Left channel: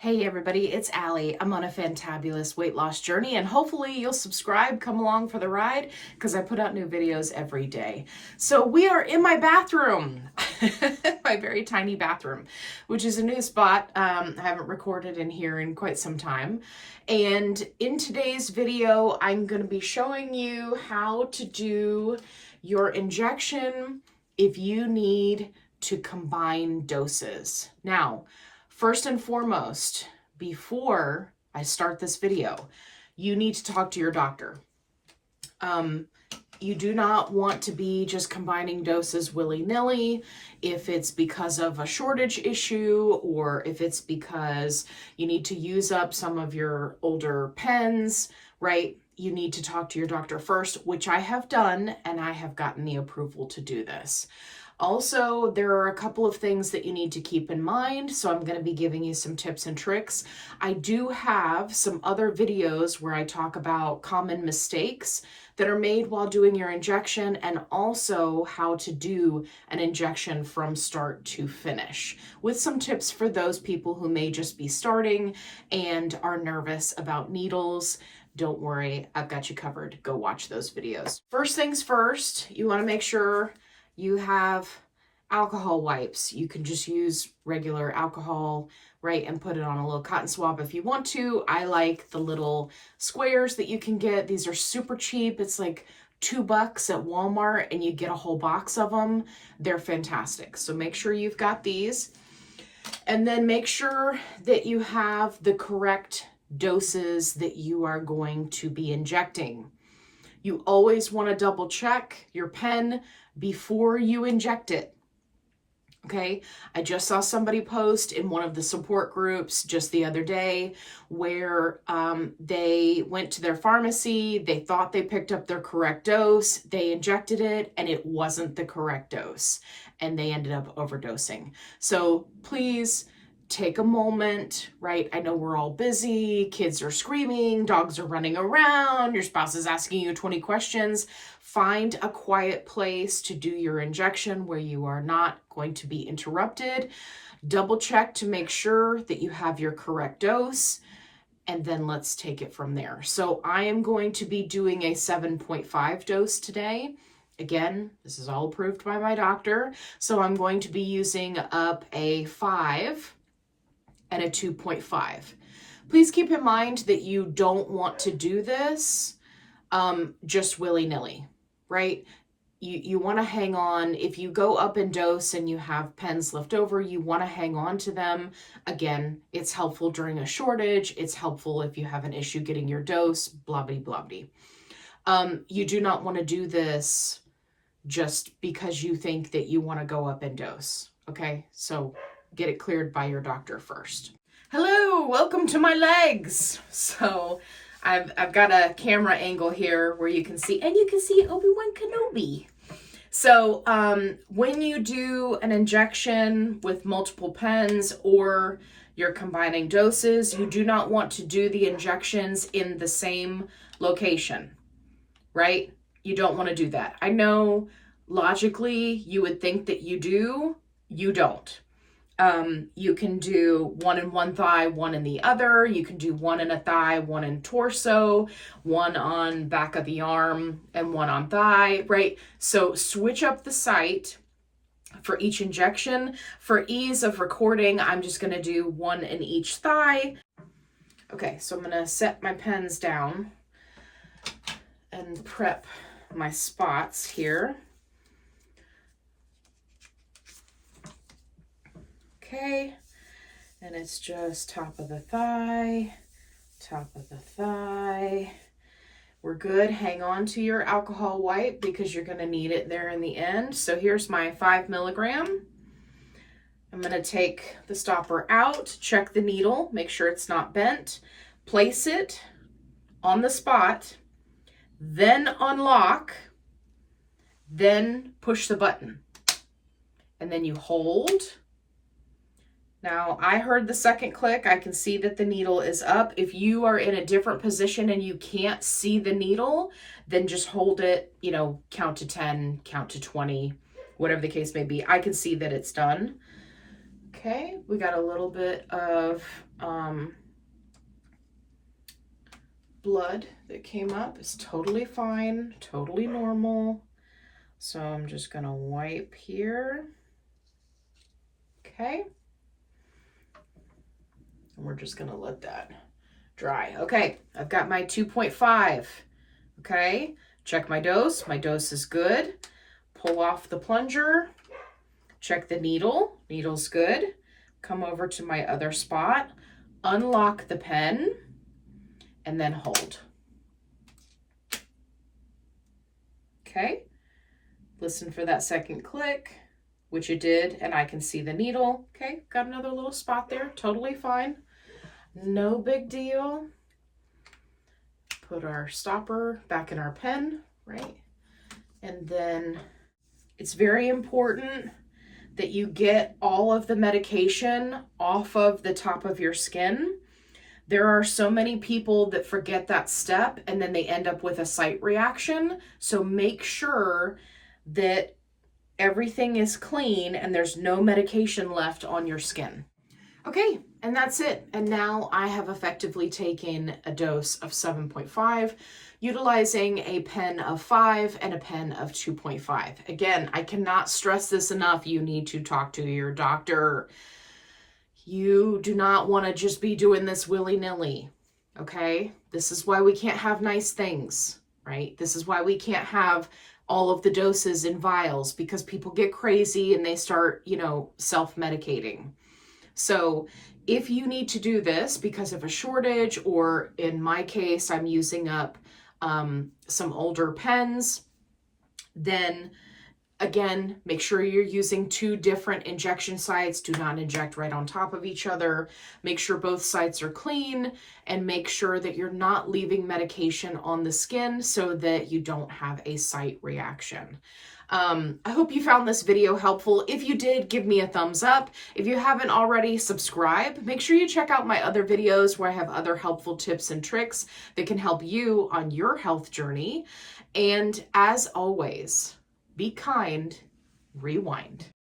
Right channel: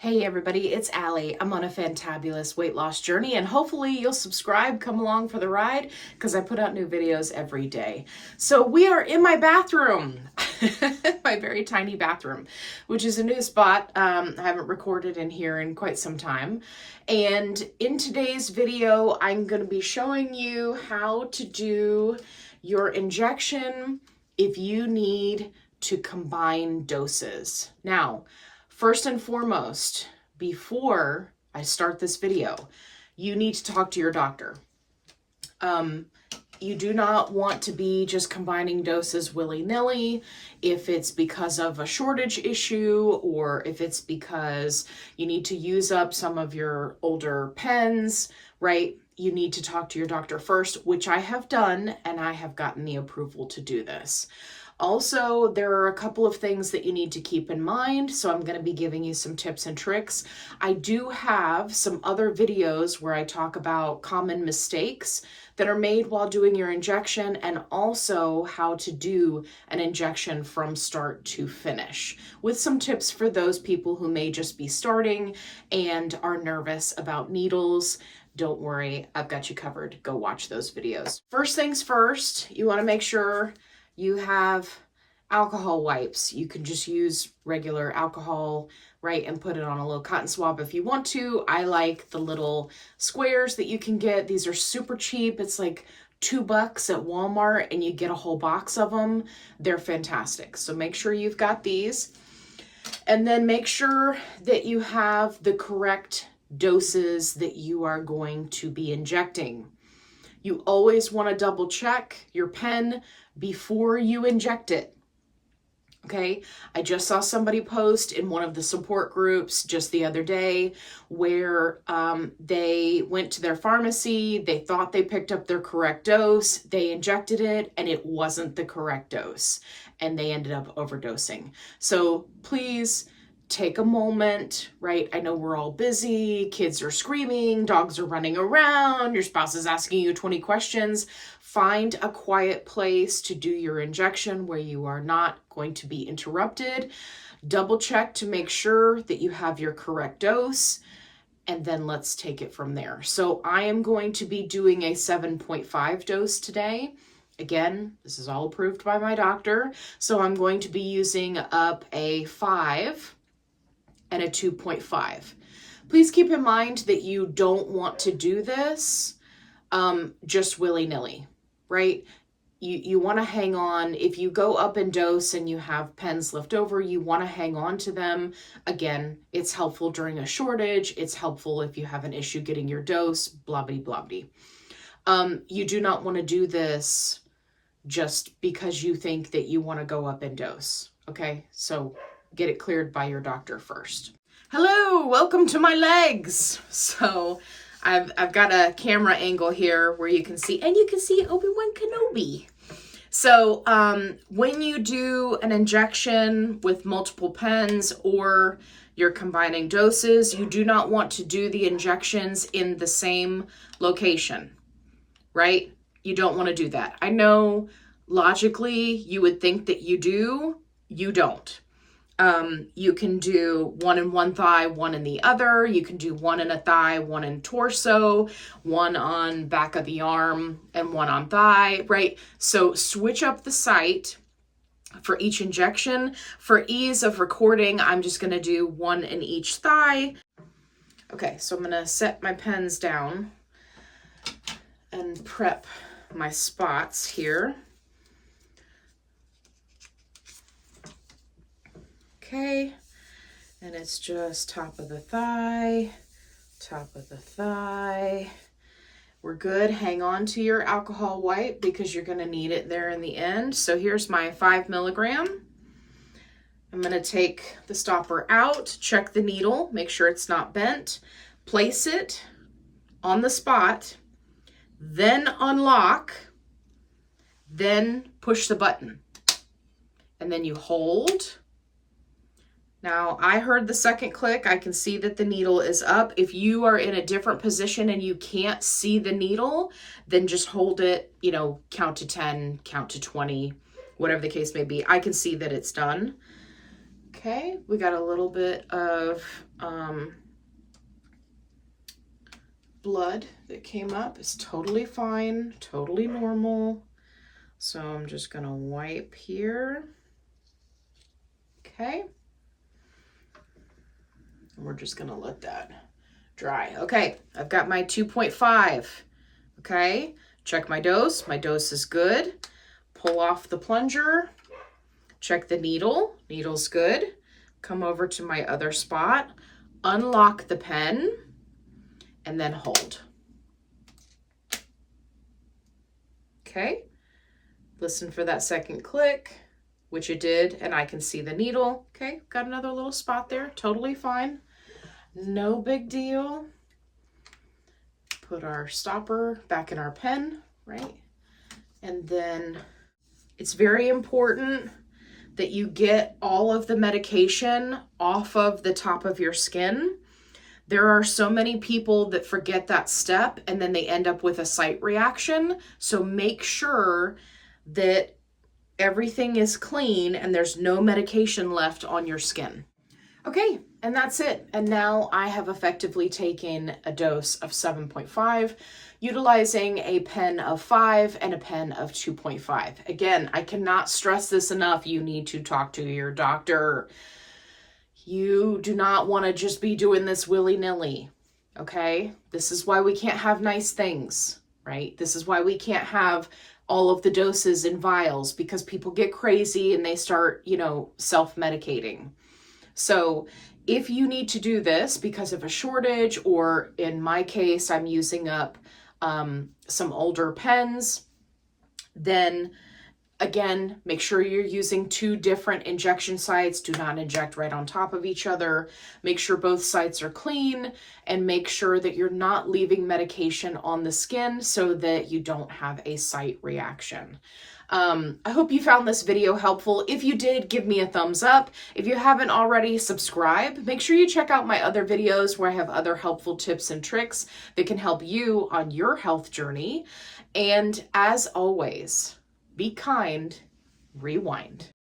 Hey everybody, it's Allie. I'm on a fantabulous weight loss journey and hopefully you'll subscribe, come along for the ride because I put out new videos every day. So we are in my bathroom, my very tiny bathroom, which is a new spot. I haven't recorded in here in quite some time. And in today's video, I'm going to be showing you how to do your injection if you need to combine doses. Now, first and foremost, before I start this video, you need to talk to your doctor. You do not want to be just combining doses willy-nilly. If it's because of a shortage issue or if it's because you need to use up some of your older pens, right? You need to talk to your doctor first, which I have done, and I have gotten the approval to do this. Also, there are a couple of things that you need to keep in mind, so I'm going to be giving you some tips and tricks. I do have some other videos where I talk about common mistakes that are made while doing your injection and also how to do an injection from start to finish, with some tips for those people who may just be starting and are nervous about needles. Don't worry, I've got you covered. Go watch those videos. First things first, you want to make sure you have alcohol wipes. You can just use regular alcohol, right, and put it on a little cotton swab if you want to. I like the little squares that you can get. These are super cheap. It's like $2 at Walmart and you get a whole box of them. They're fantastic. So make sure you've got these. And then make sure that you have the correct doses that you are going to be injecting. You always want to double check your pen before you inject it. Okay, I just saw somebody post in one of the support groups just the other day where they went to their pharmacy, they thought they picked up their correct dose, they injected it, and it wasn't the correct dose, and they ended up overdosing. So please take a moment, right? I know we're all busy, kids are screaming, dogs are running around, your spouse is asking you 20 questions. Find a quiet place to do your injection where you are not going to be interrupted. Double check to make sure that you have your correct dose, and then let's take it from there. So I am going to be doing a 7.5 dose today. Again, this is all approved by my doctor. So I'm going to be using up a 5 and a 2.5. Please keep in mind that you don't want to do this just willy-nilly, right? You want to hang on. If you go up in dose and you have pens left over, you want to hang on to them. Again, it's helpful during a shortage. It's helpful if you have an issue getting your dose, blah, blah, blah, blah. You do not want to do this just because you think that you want to go up in dose, okay? So get it cleared by your doctor first. Hello, welcome to my legs. So I've got a camera angle here where you can see, and you can see Obi-Wan Kenobi. So when you do an injection with multiple pens or you're combining doses, you do not want to do the injections in the same location, right? You don't want to do that. I know logically you would think that you do, you don't. You can do one in one thigh, one in the other. You can do one in a thigh, one in torso, one on back of the arm, and one on thigh, right? So switch up the site for each injection. For ease of recording, I'm just going to do one in each thigh. Okay, so I'm going to set my pens down and prep my spots here. Okay, and it's just top of the thigh, top of the thigh. We're good. Hang on to your alcohol wipe because you're going to need it there in the end. So here's my 5 milligram. I'm going to take the stopper out, check the needle, make sure it's not bent, place it on the spot, then unlock, then push the button, and then you hold. Now, I heard the second click. I can see that the needle is up. If you are in a different position and you can't see the needle, then just hold it, count to 10, count to 20, whatever the case may be. I can see that it's done. Okay, we got a little bit of blood that came up. It's totally fine, totally normal. So I'm just gonna wipe here. Okay. And we're just gonna let that dry. Okay, I've got my 2.5. Okay, check my dose. My dose is good. Pull off the plunger. Check the needle. Needle's good. Come over to my other spot. Unlock the pen. And then hold. Okay. Listen for that second click, which it did, and I can see the needle. Okay, got another little spot there. Totally fine. No big deal. Put our stopper back in our pen, right? And then it's very important that you get all of the medication off of the top of your skin. There are so many people that forget that step and then they end up with a site reaction. So make sure that everything is clean and there's no medication left on your skin. Okay, and that's it. And now I have effectively taken a dose of 7.5, utilizing a pen of 5 and a pen of 2.5. Again, I cannot stress this enough. You need to talk to your doctor. You do not want to just be doing this willy-nilly, okay? This is why we can't have nice things, right? This is why we can't have all of the doses in vials, because people get crazy and they start, self-medicating. So if you need to do this because of a shortage, or in my case, I'm using up some older pens, then again, make sure you're using 2 different injection sites. Do not inject right on top of each other. Make sure both sites are clean, and make sure that you're not leaving medication on the skin so that you don't have a site reaction. I hope you found this video helpful. If you did, give me a thumbs up. If you haven't already, subscribe. Make sure you check out my other videos where I have other helpful tips and tricks that can help you on your health journey. And as always, be kind, rewind.